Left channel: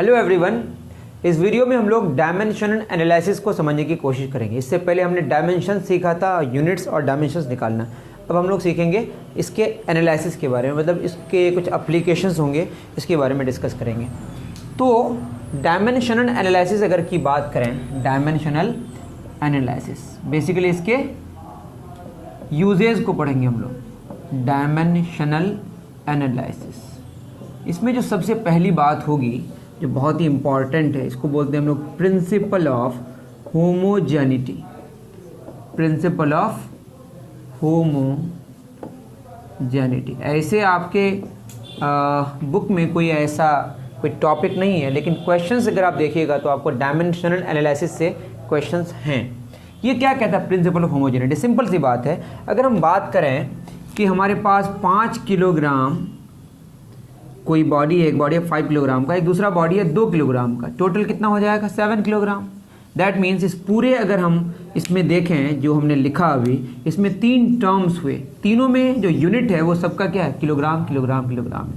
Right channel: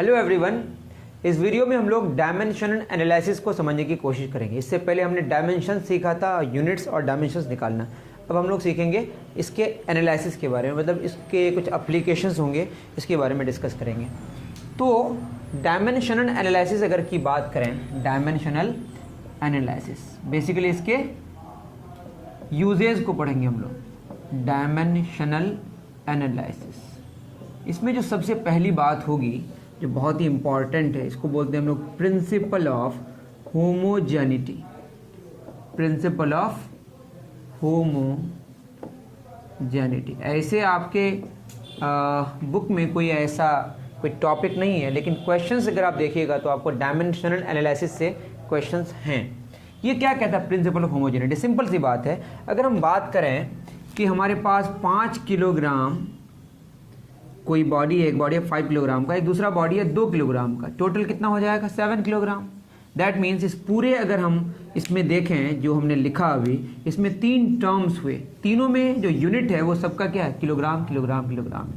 Hello everyone, इस video में हम लोग डायमेंशनल एनालिसिस को समझने की कोशिश करेंगे। इससे पहले हमने डायमेंशन सीखा था, यूनिट्स और डायमेंशंस निकालना। अब हम लोग सीखेंगे इसके एनालिसिस के बारे में, मतलब इसके कुछ एप्लीकेशंस होंगे, इसके बारे में डिस्कस करेंगे। तो डायमेंशनल एनालिसिस अगर की बात करें, डायमेंशनल एनालिसिस बेसिकली इसके यूजेस को पढ़ेंगे हम लोग। डायमेंशनल एनालिसिस, इसमें जो सबसे पहली बात होगी जो बहुत ही इंपॉर्टेंट है, इसको बोलते हैं हम लोग principle of homogeneity. Principle of homogeneity. ऐसे आपके बुक में कोई ऐसा कोई टॉपिक नहीं है, लेकिन क्वेश्चंस अगर आप देखिएगा तो आपको डायमेंशनल एनालिसिस से क्वेश्चंस हैं। ये क्या कहता है प्रिंसिपल ऑफ होमोजेनिटी? सिंपल सी बात है, अगर हम बात करें कि हमारे पास 5 किलोग्राम कोई बॉडी है, एक बॉडी है 5 किलोग्राम का, एक दूसरा बॉडी है 2 किलोग्राम का, टोटल कितना हो जाएगा 7 किलोग्राम। दैट मीन्स इस पूरे अगर हम इसमें देखें जो हमने लिखा अभी, इसमें 3 टर्म्स हुए, तीनों में जो यूनिट है वो सबका क्या है? Kilogram kilogram kilogram.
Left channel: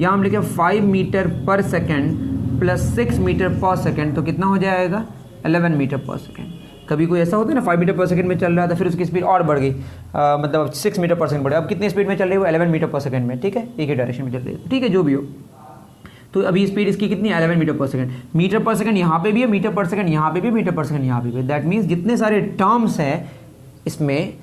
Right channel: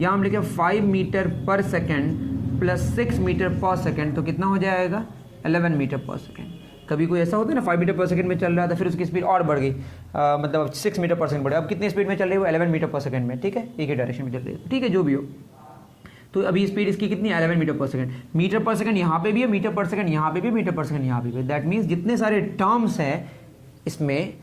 यहाँ हम लिखे 5 मीटर पर सेकेंड प्लस 6 मीटर पर सेकेंड, तो कितना हो जाएगा 11 मीटर पर सेकेंड। कभी कोई ऐसा होता है ना 5 मीटर पर सेकंड में चल रहा था, फिर उसकी स्पीड और बढ़ गई, मतलब 6 मीटर पर सेकंड बढ़े, अब कितनी स्पीड में चल रही है वो 11 मीटर पर सेकंड में। ठीक है, एक ही डायरेक्शन में चल रही है, ठीक है, जो भी हो। तो अभी स्पीड इसकी कितनी 11 मीटर पर सेकंड। मीटर पर सेकंड यहाँ पे भी है, मीटर पर सेकंड यहाँ पे भी, मीटर पर सेकंड यहाँ पे भी। दैट मीन्स जितने सारे टर्म्स हैं इसमें,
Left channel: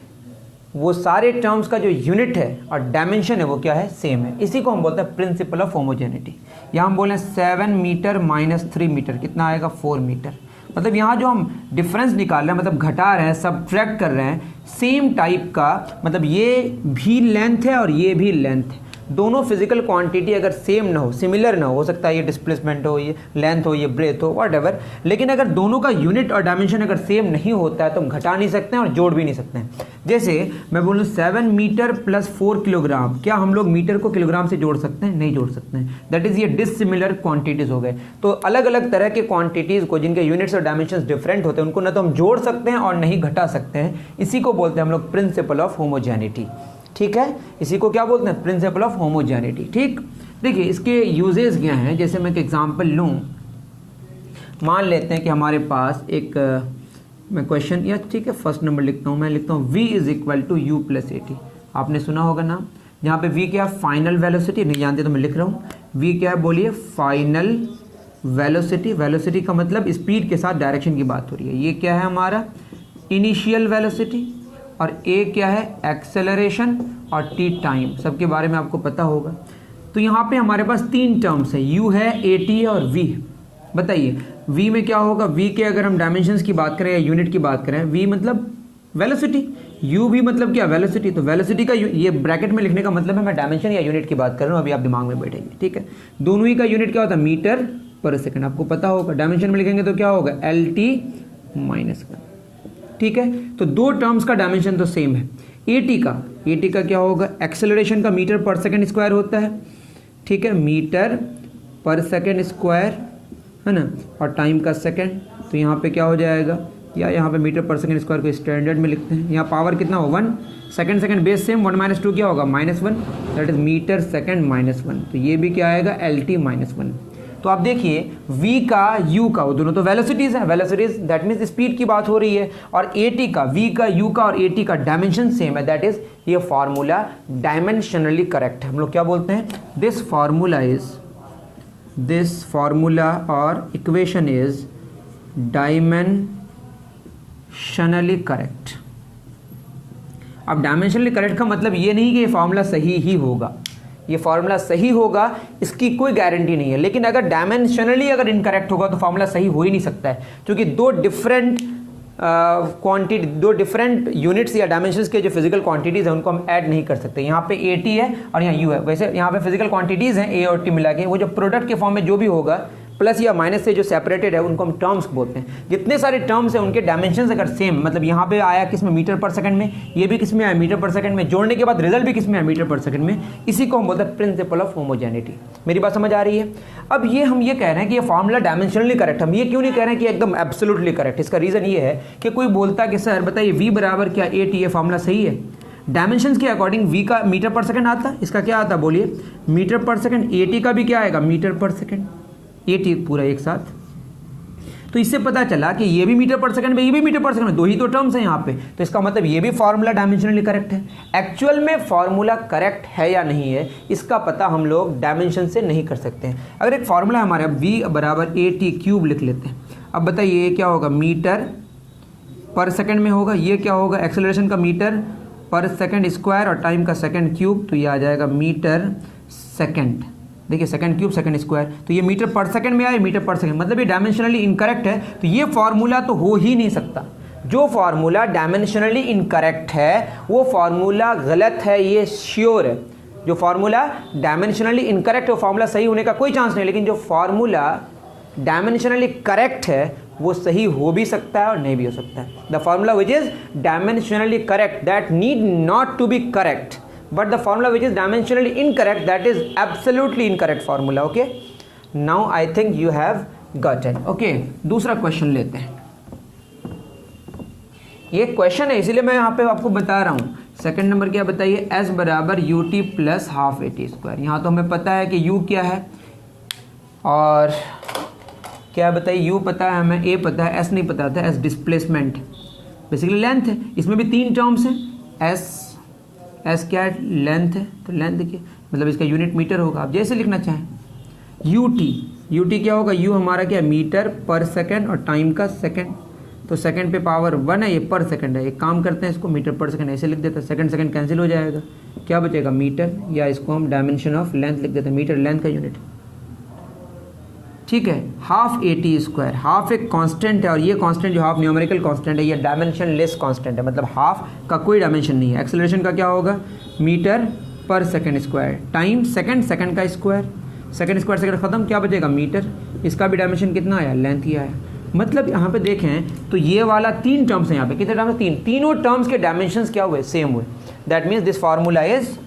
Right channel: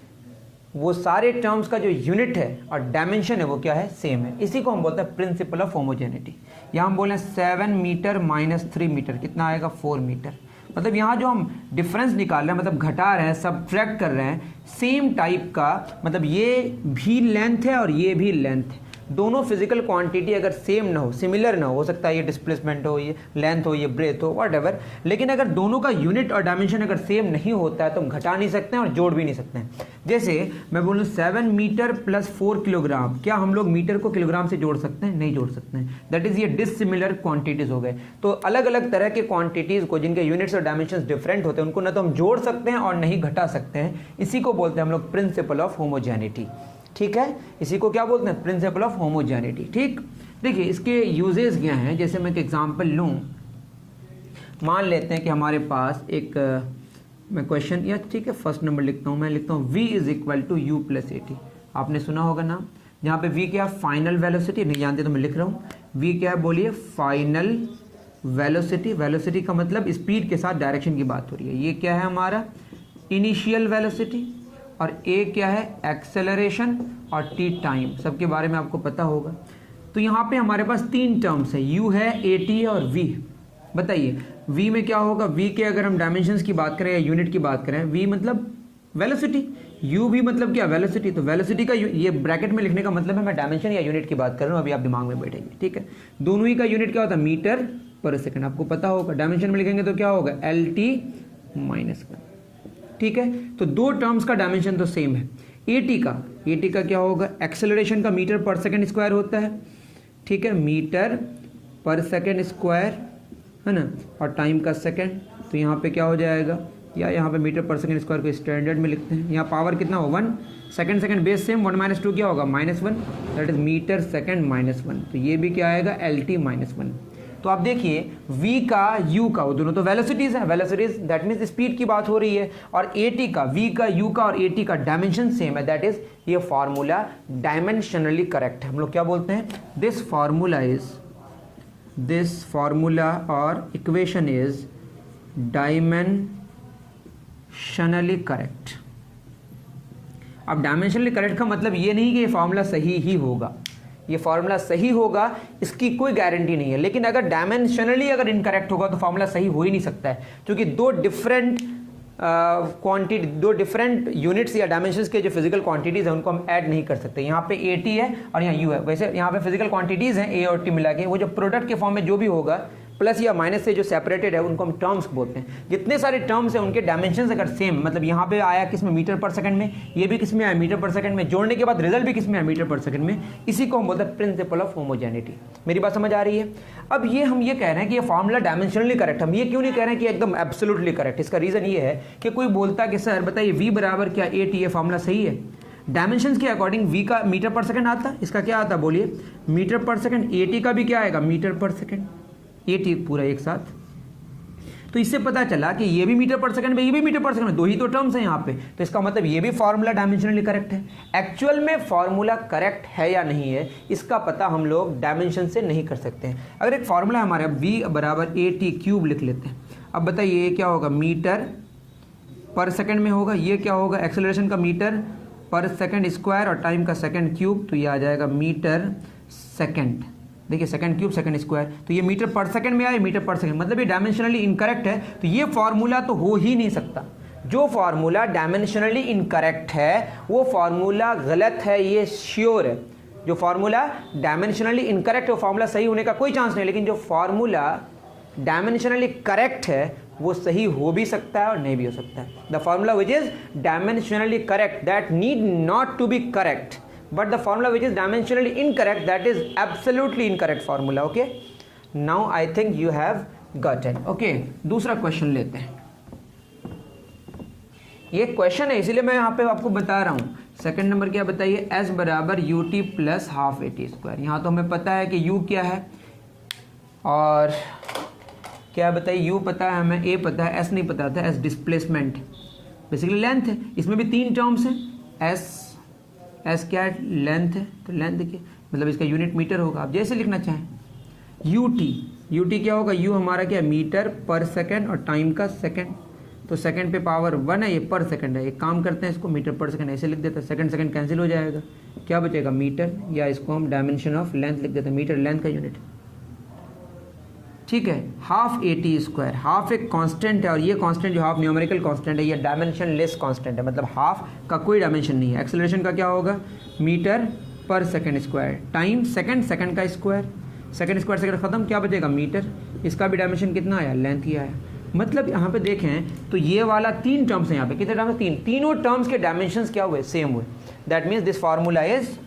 वो सारे टर्म्स का जो यूनिट है और डायमेंशन है वो क्या है? सेम है। इसी को हम बोलते हैं प्रिंसिपल ऑफ होमोजेनिटी। यहाँ हम बोले 7 मीटर माइनस 3 मीटर कितना आएगा? 4 मीटर। मतलब यहाँ जो हम डिफरेंस निकाल रहे हैं, मतलब घटा रहे हैं, सबट्रैक्ट कर रहे हैं, सेम टाइप का, मतलब ये भी लेंथ है और ये भी लेंथ है। दोनों फिजिकल क्वांटिटी अगर सेम ना हो, सिमिलर ना हो सकता है ये डिस्प्लेसमेंट हो, ये लेंथ हो, ये ब्रेथ हो, व्हाटएवर, लेकिन अगर दोनों का यूनिट और डायमेंशन अगर सेम नहीं होता है तो हम घटा नहीं सकते हैं और जोड़ भी नहीं सकते हैं। जैसे मैं बोलूँ 7 मीटर प्लस 4 किलोग्राम, क्या हम लोग मीटर को किलोग्राम से जोड़ सकते हैं? नहीं जोड़ सकते हैं। दैट इज ये डिसिमिलर क्वांटिटीज हो गए। तो अलग अलग तरह के क्वांटिटीज को जिनके यूनिट्स और डायमेंशन डिफरेंट होते हैं उनको ना तो हम जोड़ सकते हैं और नहीं घटा सकते हैं। इसी को बोलते हैं हम लोग प्रिंसिपल ऑफ होमोजेनिटी। ठीक है, इसी को क्या बोलते हैं? Principle of homogeneity. ठीक, देखिए इसके यूजेस क्या हैं। जैसे मैं एक एग्जांपल लूं, मान लेते हैं कि हमारे पास एक मैं क्वेश्चन, या ठीक है फर्स्ट नंबर लिखता हूं, मैं लिखता हूं v is equal to U plus A T. आपने सुना होगा नाम, यहाँ पे v क्या? Final velocity. नहीं जानते तो मैं लिख रहा हूँ, v क्या है बोलिए? Final velocity. वेलोसिटी का मतलब स्पीड के साथ डायरेक्शन की बात हो रही है। ये क्या है हमारा? Initial velocity. और ए क्या है? एक्सेलरेशन। और टी टाइम, सबके बारे में आपको पता होगा। तो यहाँ पे हमारे पास 3 टर्म्स है, u है, ए टी है और v। बताइए v में क्या होगा? v के अगर हम डायमेंशंस की बात करें या यूनिट की बात करें, v मतलब वेलोसिटी, u भी मतलब क्या? वेलोसिटी। तो वेलोसिटी का ये ब्रैकेट में लिखने का मतलब है मैं डायमेंशन या यूनिट की बात कर रहा हूँ, अभी आप दिमाग में बैठेंगे। ठीक है, दोनों ही का यूनिट क्या होता है? मीटर पर सेकेंड, आपको पता होगा। डायमेंशन में लिखेंगे तो क्या होगा? LT -1। ठीक है, तो 2 टर्म्स का डायमेंशन तो सेम है। एटी का क्या होगा? एक्सेलरेशन का मीटर पर सेकेंड स्क्वायर होता है। ठीक है, मीटर पर सेकेंड स्क्वायर है ना, और टाइम का सेकेंड। तो यहाँ पे क्या हो जाएगा? या यहाँ पे मीटर पर सेकेंड स्क्वायर को स्टैंडर्ड में लिखते हैं। यहाँ पावर कितना हो? 1। सेकेंड बेस सेम, 1 - 2 क्या होगा? -1। That is metre second -1। तो ये भी क्या आएगा? LT -1। तो आप देखिए v का u का, वो दोनों तो वेलोसिटीज हैं, वेलोसिटीज दैट मीन्स स्पीड की बात हो रही है। और at का, v का, u का और at का डायमेंशन सेम है। दैट इज ये फार्मूला डायमेंशनली करेक्ट है। हम लोग क्या बोलते हैं? दिस फार्मूला और इक्वेशन इज डायमेंशनली करेक्ट। अब डायमेंशनली करेक्ट का मतलब ये नहीं कि ये फार्मूला सही ही होगा, ये फार्मूला सही होगा इसकी कोई गारंटी नहीं है। लेकिन अगर डायमेंशनली अगर इनकरेक्ट होगा तो फार्मूला सही हो ही नहीं सकता है, क्योंकि 2 डिफरेंट क्वांटिटी, 2 डिफरेंट यूनिट्स या डायमेंशंस के जो फिजिकल क्वांटिटीज हैं उनको हम ऐड नहीं कर सकते। यहाँ पे ए टी है और यहाँ यू है। वैसे यहाँ पे फिजिकल क्वांटिटीज हैं ए और टी मिला के, वो जो प्रोडक्ट के फॉर्म में जो भी होगा प्लस या माइनस से जो सेपरेटेड है उनको हम टर्म्स बोलते हैं। जितने सारे टर्म्स हैं उनके डायमेंशंस अगर सेम, मतलब यहाँ पे आया किस में? मीटर पर सेकंड में, ये भी किस में आया? मीटर पर सेकंड में, जोड़ने के बाद रिजल्ट भी किस में आया? मीटर पर सेकंड में। इसी को हम बोलते हैं प्रिंसिपल ऑफ होमोजेनिटी। मेरी बात समझ आ रही है? अब ये हम ये कह रहे हैं कि ये फार्मूला डायमेंशनली करेक्ट, हम ये क्यों नहीं कह रहे हैं कि एकदम एब्सोल्युटली करेक्ट? इसका रीजन ये है कि कोई बोलता है कि सर बताइए v बराबर क्या ए टी, ये फार्मूला सही है? डायमेंशंस के अकॉर्डिंग v का मीटर पर सेकंड आता है, इसका क्या आता है बोलिए? मीटर पर सेकंड। ए टी का भी क्या आएगा? मीटर पर सेकंड। ये पूरा एक साथ। तो इससे पता चला कि ये भी मीटर पर सेकंड में, ये भी मीटर पर सेकंड में, 2 ही तो टर्म्स हैं यहाँ पे। तो इसका मतलब ये भी फार्मूला डायमेंशनली करेक्ट है। एक्चुअल में फार्मूला करेक्ट है या नहीं है इसका पता हम लोग डायमेंशन से नहीं कर सकते हैं। अगर एक फार्मूला है हमारे, v बराबर AT³ लिख लेते हैं। अब बताइए ये क्या होगा, मीटर पर सेकंड में होगा। ये क्या होगा, एक्सेलरेशन का मीटर पर सेकंड स्क्वायर और टाइम का सेकंड क्यूब, तो ये आ जाएगा मीटर सेकंड। देखिए सेकंड क्यूब सेकंड स्क्वायर, तो ये मीटर पर सेकंड में आए, मीटर पर सेकंड, मतलब ये डायमेंशनली इनकरेक्ट है। तो ये फार्मूला तो हो ही नहीं सकता। जो फार्मूला डायमेंशनली इनकरेक्ट है वो फार्मूला गलत है, ये श्योर है। जो फार्मूला डायमेंशनली इनकरेक्ट है वो फार्मूला सही होने का कोई चांस नहीं, लेकिन जो फार्मूला डायमेंशनली करेक्ट है वो सही हो भी सकता है और नहीं भी हो सकता है। The formula which is dimensionally correct that need not to be correct, but the formula which is dimensionally incorrect that is absolutely incorrect formula. Okay, now I think you have got it. Okay, दूसरा question लेते हैं। ये question है इसीलिए मैं यहाँ पे आपको बता रहा हूँ। सेकंड नंबर क्या बताइए, s बराबर ut प्लस हाफ AT²। यहाँ तो हमें पता है कि u क्या है और क्या बताइए, u पता है हमें, a पता है, s नहीं पता था। s डिस्प्लेसमेंट बेसिकली लेंथ है, इसमें भी 3 टर्म्स हैं। एस क्या है, लेंथ है, तो लेंथ देखिए मतलब इसका यूनिट मीटर होगा। आप जैसे लिखना चाहें। यूटी क्या होगा, यू हमारा क्या है, मीटर पर सेकंड और टाइम का सेकंड, तो सेकंड पे पावर 1 है, ये पर सेकंड है। एक काम करते हैं इसको मीटर पर सेकंड ऐसे लिख देते हैं, सेकंड सेकंड कैंसिल हो जाएगा, क्या बचेगा मीटर, या इसको हम डायमेंशन ऑफ लेंथ लिख देते हैं, मीटर लेंथ का यूनिट। ठीक है, हाफ AT², हाफ एक कांस्टेंट है और ये कांस्टेंट जो हाफ न्यूमेरिकल कांस्टेंट है, ये डायमेंशन लेस कांस्टेंट है, मतलब हाफ का कोई डायमेंशन नहीं है। एक्सेलरेशन का क्या होगा, मीटर पर second square, time second, second का स्क्वायर, सेकंड स्क्वायर सेकंड खत्म, क्या बचेगा मीटर। इसका भी डायमेंशन कितना आया, लेंथ ही आया। मतलब यहाँ पे देखें तो ये वाला 3 टर्म्स है यहाँ पे, कितने टर्म्स, 3, तीनों टर्म्स के डायमेंशंस क्या हुए, सेम हुए। That means this formula is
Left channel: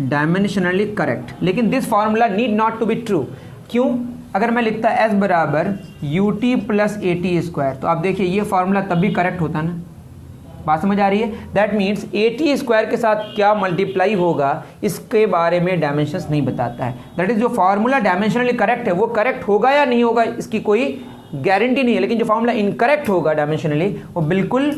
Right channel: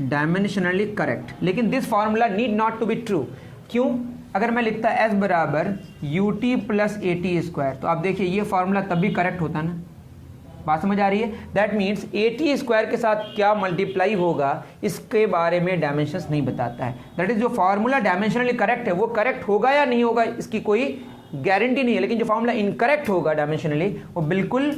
dimensionally correct. लेकिन this formula need not to be true. क्यों, अगर मैं लिखता s बराबर ut प्लस AT², तो आप देखिए ये फार्मूला तब भी करेक्ट होता ना। बात समझ आ रही है। दैट मीन्स AT² के साथ क्या मल्टीप्लाई होगा इसके बारे में डायमेंशंस नहीं बताता है। दैट इज जो फार्मूला डायमेंशनली करेक्ट है वो करेक्ट होगा या नहीं होगा इसकी कोई गारंटी नहीं है, लेकिन जो फार्मूला इनकरेक्ट होगा डायमेंशनली वो बिल्कुल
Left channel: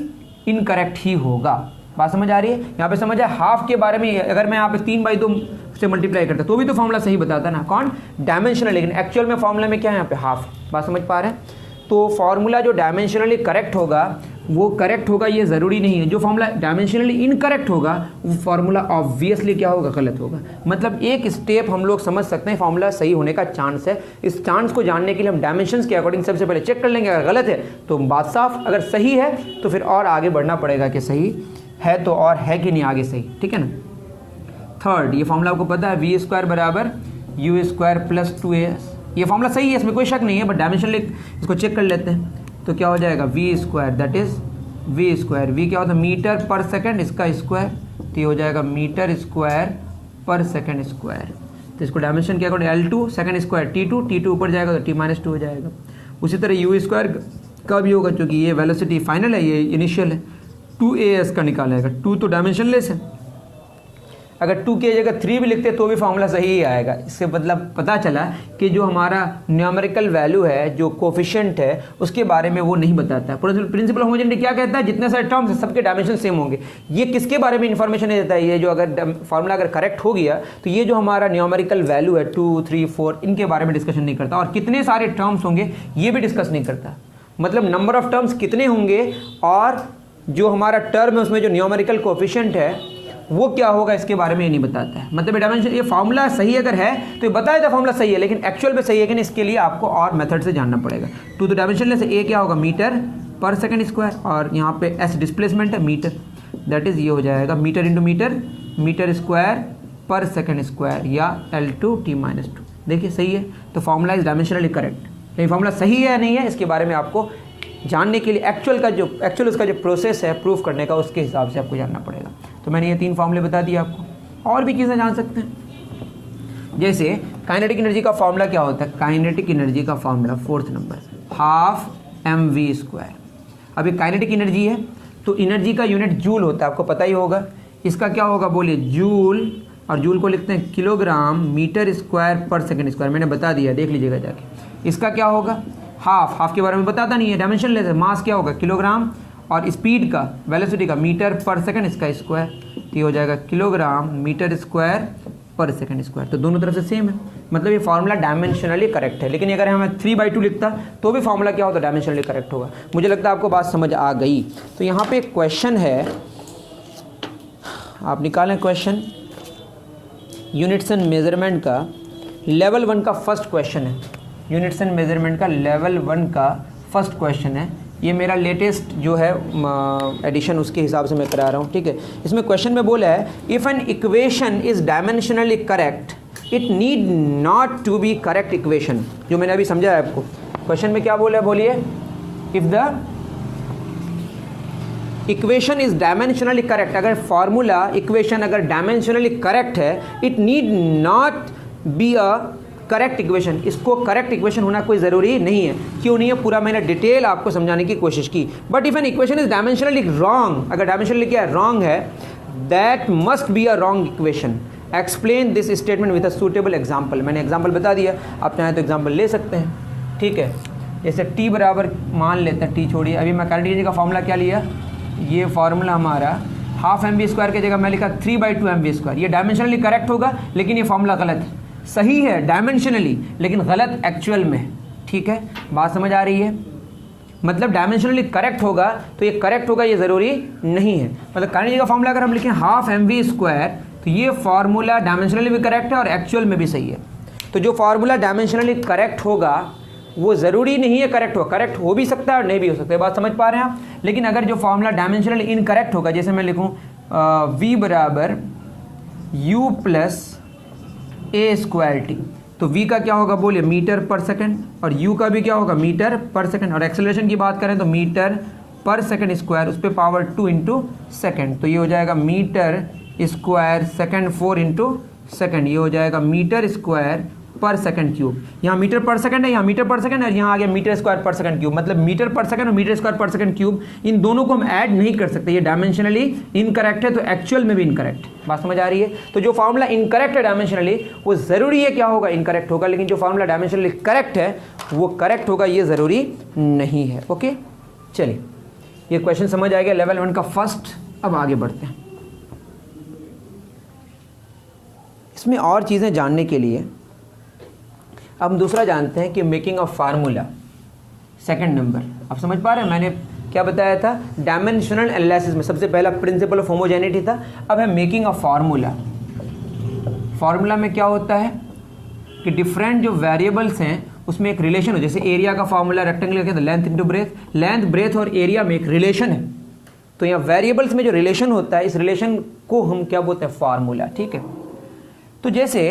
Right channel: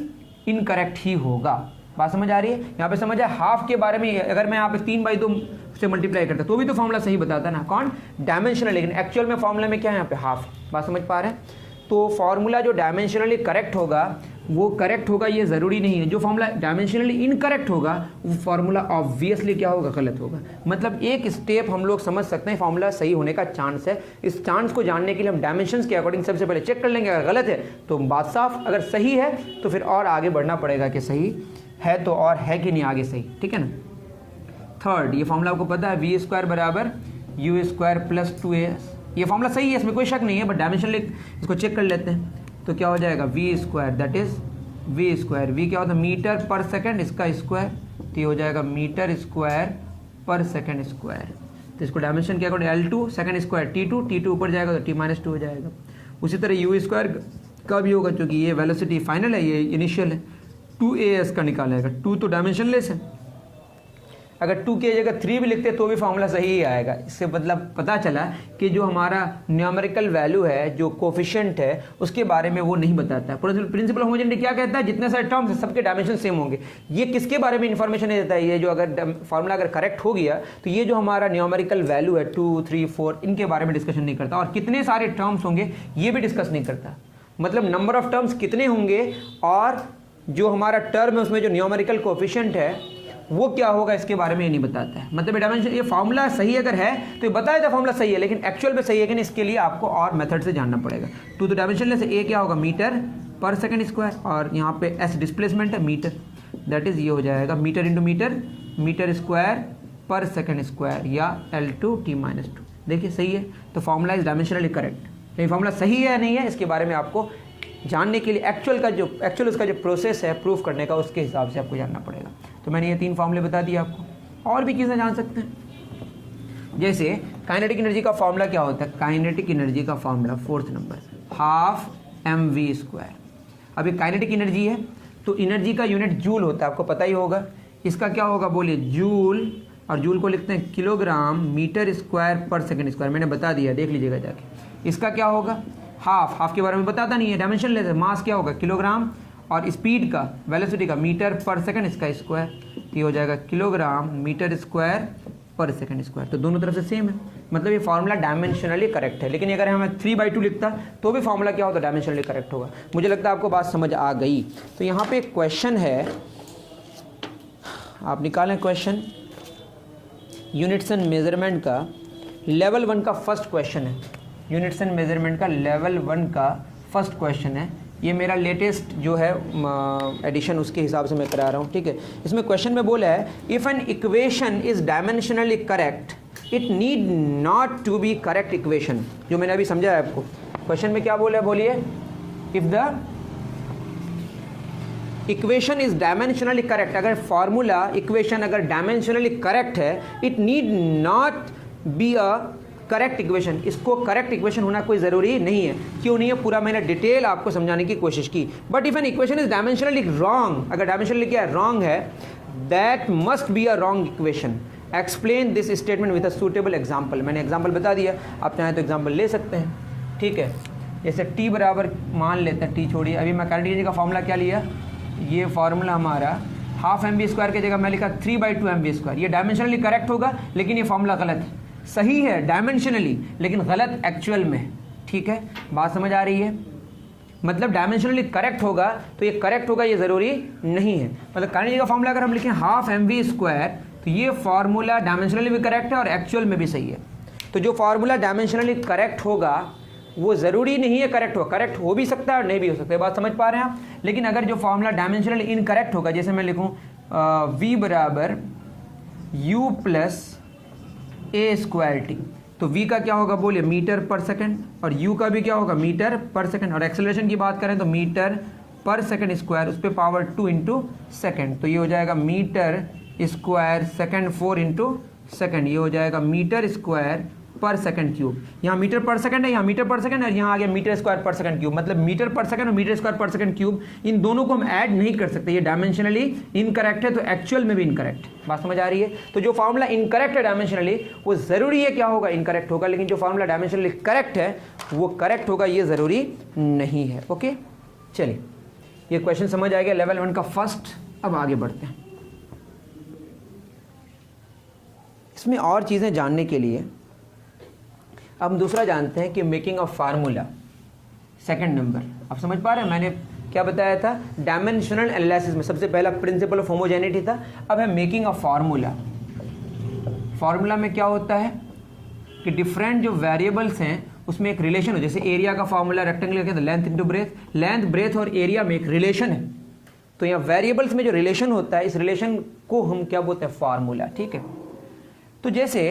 इनकरेक्ट ही होगा। बात समझ आ रही है। यहाँ पे समझ है, हाफ के बारे में अगर मैं यहाँ पे 3/2 से मल्टीप्लाई करता तो भी तो फार्मूला सही बताता ना, कौन, डायमेंशनल, लेकिन एक्चुअल में फार्मूला में क्या है यहाँ पे हाफ। बात समझ पा रहे हैं। तो फार्मूला जो डायमेंशनली करेक्ट होगा वो करेक्ट होगा ये ज़रूरी नहीं है। जो फार्मूला डायमेंशनली इनकरेक्ट होगा वो फार्मूला ऑब्वियसली क्या होगा, गलत होगा। मतलब एक स्टेप हम लोग समझ सकते हैं फार्मूला सही होने का चांस है। इस चांस को जानने के लिए हम डायमेंशंस के अकॉर्डिंग सबसे पहले चेक कर लेंगे, अगर गलत है तो बात साफ, अगर सही है तो फिर और आगे बढ़ना पड़ेगा कि सही है तो और है कि नहीं आगे सही, ठीक है ना। थर्ड, ये फॉर्मूला आपको पता है, v² बराबर u² प्लस 2as। ये फॉर्मूला सही है, इसमें कोई शक नहीं है, बट डायमेंशन इसको चेक कर लेते हैं। तो क्या हो जाएगा, v², that is v², v क्या होता है, मीटर पर सेकंड, इसका स्क्वायर, तो ये हो जाएगा मीटर स्क्वायर पर सेकंड स्क्वायर। तो इसको डायमेंशन क्या करोगे, L2 सेकंड स्क्वायर T2 ऊपर जाएगा तो T-2 हो जाएगा। उसी तरह u² का भी होगा, क्योंकि ये वेलोसिटी फाइनल है, ये इनिशियल है, 2as का निकालेगा। 2 तो डायमेंशन लेस है, अगर 2 की जगह 3 भी लिखते तो भी फॉर्मूला सही ही आएगा। इससे मतलब पता चला कि जो हमारा न्यूमेरिकल वैल्यू है, जो कोफिशिएंट है, उसके बारे में वो नहीं बताता है। प्रिंसिपल होमोजेनिटी क्या कहता है, जितने सारे टर्म्स हैं सबके डायमेंशन सेम होंगे। ये किसके बारे में इंफॉर्मेशन देता है, ये जो अगर फॉर्मूला अगर करेक्ट हो गया तो ये जो हमारा न्यूमेरिकल वैल्यू है 2, 3, 4 इनके बारे में डिस्कशन नहीं करता, और कितने सारे टर्म्स होंगे ये भी डिस्कस नहीं करता। मतलब नंबर ऑफ टर्म्स कितने होंगे और जो हमारा टर्म है उसमें जो न्यूमेरिकल कोफिशिएंट है वो क्या होगा इसके बारे में ये नहीं बताता है। मतलब डायमेंशन, ये फार्मूला सही अगर है तो ये बताया था फार्मूला सही है, लेकिन एक्चुअल में सही है कि नहीं इसके लिए आपको और मेथड से जानना पड़ेगा। 2 तो डायमेंशन लेस, ए क्या होगा, मीटर पर सेकंड स्क्वायर, और यहाँ पे एस डिस्प्लेसमेंट है मीटर, दैट इज ये हो जाएगा metre into metre, metre square पर सेकंड स्क्वायर, या L2 T-2। देखिए सही है, तो फार्मूला इज डायमेंशनली करेक्ट। लेकिन फार्मूला सही है या नहीं है इसके बारे में आपको जानने के लिए एक्चुअल उसका जो प्रोसेस है प्रूफ करने का, उसके हिसाब से आपको जानना पड़ेगा। तो मैंने ये 3 फार्मूले बता दिए आपको, और भी चीज़ें जान सकते हैं। जैसे काइनेटिक एनर्जी का फार्मूला क्या होता है, काइनेटिक एनर्जी का formula 4th number, half mv²। अभी काइनेटिक एनर्जी है तो एनर्जी का यूनिट जूल होता है, आपको पता ही होगा। इसका क्या होगा बोलिए, जूल और जूल को लिखते हैं किलोग्राम मीटर स्क्वायर पर सेकंड स्क्वायर। मैंने बता दिया, देख लीजिएगा जाके। इसका क्या होगा, हाफ के बारे में बताता नहीं है, डायमेंशन लेते हैं। मास क्या होगा किलोग्राम, और स्पीड का वेलोसिटी का मीटर पर सेकंड, इसका स्क्वायर, ये हो जाएगा किलोग्राम मीटर स्क्वायर पर सेकंड स्क्वायर। तो दोनों तरफ से सेम है, मतलब ये फार्मूला डायमेंशनली करेक्ट है। लेकिन अगर हमें 3/2 लिखता तो भी फार्मूला क्या होता, डायमेंशनली करेक्ट होगा। मुझे लगता है आपको बात समझ आ गई। तो यहाँ पे एक क्वेश्चन है, आप निकालें क्वेश्चन। यूनिट्स एंड मेजरमेंट का लेवल 1 का फर्स्ट क्वेश्चन है। यूनिट्स एंड मेजरमेंट का लेवल 1 का फर्स्ट क्वेश्चन है। ये मेरा लेटेस्ट जो है एडिशन, उसके हिसाब से मैं करा रहा हूँ, ठीक है। इसमें क्वेश्चन में बोला है if an equation is dimensionally correct it need not to be correct equation. जो मैंने अभी समझा है आपको, क्वेश्चन में क्या बोला है, बोलिए। If the equation is dimensionally correct, अगर फॉर्मूला इक्वेशन अगर डायमेंशनली करेक्ट है, it need not be a correct equation, इसको करेक्ट इक्वेशन होना कोई ज़रूरी नहीं है। क्यों नहीं है, पूरा मैंने डिटेल आपको समझाने की कोशिश की। But if N equation is dimensionally wrong, अगर डायमेंशनली क्या है, रॉन्ग है, that must be a wrong equation. Explain this statement with a suitable example. मैंने एग्जाम्पल बता दिया, आप चाहें तो एग्जाम्पल ले सकते हैं, ठीक है। जैसे टी बराबर मान लेते हैं, टी छोड़िए, अभी मैं काइनेटिक का फॉर्मूला क्या लिया, ये फॉर्मूला हमारा हाफ mv² की जगह मैं लिखा 3/2 mv²। ये डायमेंशनली करेक्ट होगा, लेकिन ये फॉर्मूला गलत है। सही है डायमेंशनली, लेकिन गलत एक्चुअल में, ठीक है। बात समझ आ रही है, मतलब डायमेंशनली करेक्ट होगा तो ये करेक्ट होगा, ये ज़रूरी नहीं है। मतलब काइनेटिक का फॉर्मूला अगर हम लिखें हाफ mv², तो ये फार्मूला डायमेंशनली भी करेक्ट है और एक्चुअल में भी सही है। तो जो फार्मूला डायमेंशनली करेक्ट होगा वो ज़रूरी नहीं है करेक्ट हो, करेक्ट हो भी सकता है और नहीं भी हो सकता है। बात समझ पा रहे हैं आप। लेकिन अगर जो फार्मूला डायमेंशनली इनकरेक्ट होगा, जैसे मैं लिखूँ v बराबर u प्लस a²t, तो v का क्या होगा, बोलिए, मीटर पर सेकंड, और u का भी क्या होगा, मीटर पर सेकंड। और एक्सेलरेशन की बात करें तो मीटर पर सेकंड स्क्वायर, उस पर पावर 2 इंटू सेकेंड, तो ये हो जाएगा metre square second 4 into second, ये हो जाएगा मीटर स्क्वायर पर सेकंड क्यूब। यहाँ मीटर पर सेकंड है, यहाँ मीटर पर सेकंड है, यहाँ आ गया मीटर स्क्वायर पर सेकंड क्यूब। मतलब मीटर पर सेकंड और मीटर स्क्वायर पर सेकंड क्यूब, इन दोनों को हम ऐड नहीं कर सकते। ये डायमेंशनली इनकरेक्ट है, तो एक्चुअल में भी इनकरेक्ट। बात समझ आ रही है। तो जो फार्मूला इनकरेक्ट है डायमेंशनली, वो ज़रूरी है क्या होगा, इनकरेक्ट होगा। लेकिन जो फार्मूला डायमेंशनली करेक्ट है वो करेक्ट होगा, ये ज़रूरी नहीं है। ओके, चलिए, ये क्वेश्चन समझ आ गया लेवल 1 का फर्स्ट। अब आगे बढ़ते हैं। इसमें और चीज़ें जानने के लिए अब हम दूसरा जानते हैं कि making of formula, second number. आप समझ पा रहे हैं, मैंने क्या बताया था, डायमेंशनल एनालिसिस में सबसे पहला प्रिंसिपल ऑफ होमोजेनिटी था। अब है मेकिंग ऑफ फार्मूला। फार्मूला में क्या होता है कि डिफरेंट जो वेरिएबल्स हैं उसमें एक रिलेशन हो। जैसे एरिया का फार्मूला रेक्टेंगुलर के, तो length into breadth, length breadth और एरिया में एक रिलेशन है। तो यहाँ वेरिएबल्स में जो रिलेशन होता है, इस रिलेशन को हम क्या बोलते हैं, फार्मूला, ठीक है। तो जैसे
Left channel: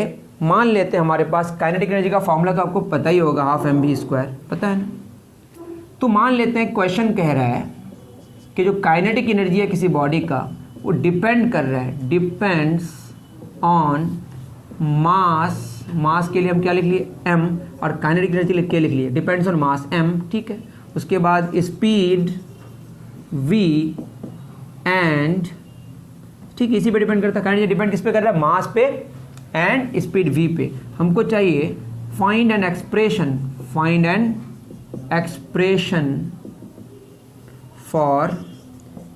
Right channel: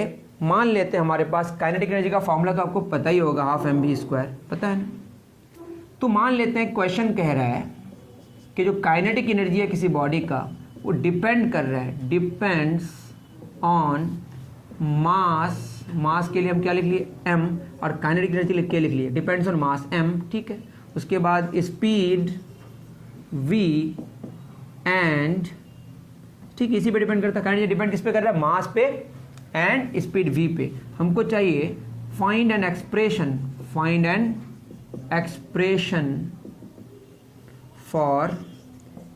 मान लेते हैं हमारे पास काइनेटिक एनर्जी का फार्मूला तो आपको पता ही होगा, हाफ mv², पता है ना। तो मान लेते हैं क्वेश्चन कह रहा है कि जो काइनेटिक एनर्जी है किसी बॉडी का, वो डिपेंड कर रहा है, डिपेंड्स ऑन मास। मास के लिए हम क्या लिख लिए, m, और काइनेटिक एनर्जी लिख के लिख लिए डिपेंड्स ऑन मास m, ठीक है। उसके बाद स्पीड v एंड, ठीक, इसी पे डिपेंड करता है। काइनेटिक डिपेंड किस पे कर रहा है, मास पे एंड स्पीड v पे। हमको चाहिए find an expression, find an expression for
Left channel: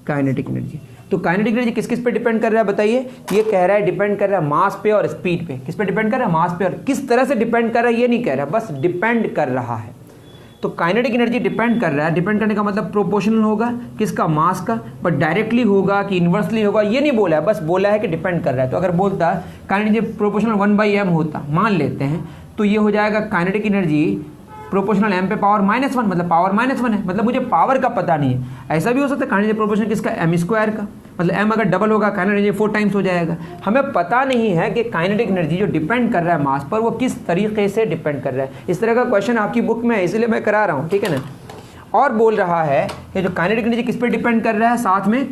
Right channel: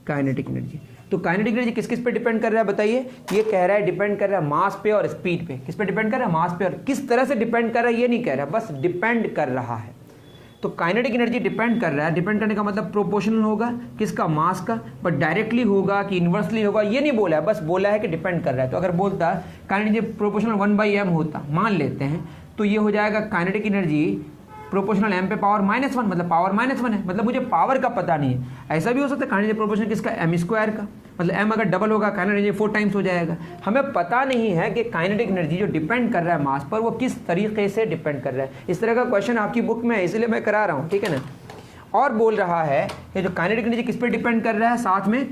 kinetic energy. तो काइनेटिक एनर्जी किस किस पे डिपेंड कर रहा है बताइए। ये कह रहा है डिपेंड कर रहा है मास पे और स्पीड पे। किस पे डिपेंड कर रहा है, मास पे। और किस तरह से डिपेंड कर रहा है ये नहीं कह रहा, बस डिपेंड कर रहा है। तो काइनेटिक एनर्जी डिपेंड कर रहा है, डिपेंड करने का मतलब प्रोपोर्शनल होगा किसका, मास का। बट डायरेक्टली होगा कि इन्वर्सली होगा ये नहीं बोला है, बस बोला है कि डिपेंड कर रहा है। तो अगर बोलता काइनेटिक एनर्जी प्रोपोर्शनल 1/m होता, मान लेते हैं, तो ये हो जाएगा काइनेटिक एनर्जी प्रोपोर्शनल m पे पावर -1, मतलब पावर -1 है, मतलब मुझे पावर का पता नहीं है। ऐसा भी हो सकता है काइनेटिक प्रोपोर्शनल किसका, m² का, मतलब m अगर डबल होगा काइनेटिक एनर्जी 4 टाइम्स हो जाएगा। हमें पता नहीं है कि काइनेटिक एनर्जी जो डिपेंड कर रहा है मास पर, वो किस तरीके से डिपेंड कर रहा है। इस तरह का क्वेश्चन आपकी बुक में है, इसलिए मैं करा रहा हूँ, ठीक है ना। और बोल रहा है कि जो काइनेटिक एनर्जी किस पर डिपेंड कर रहा है, साथ में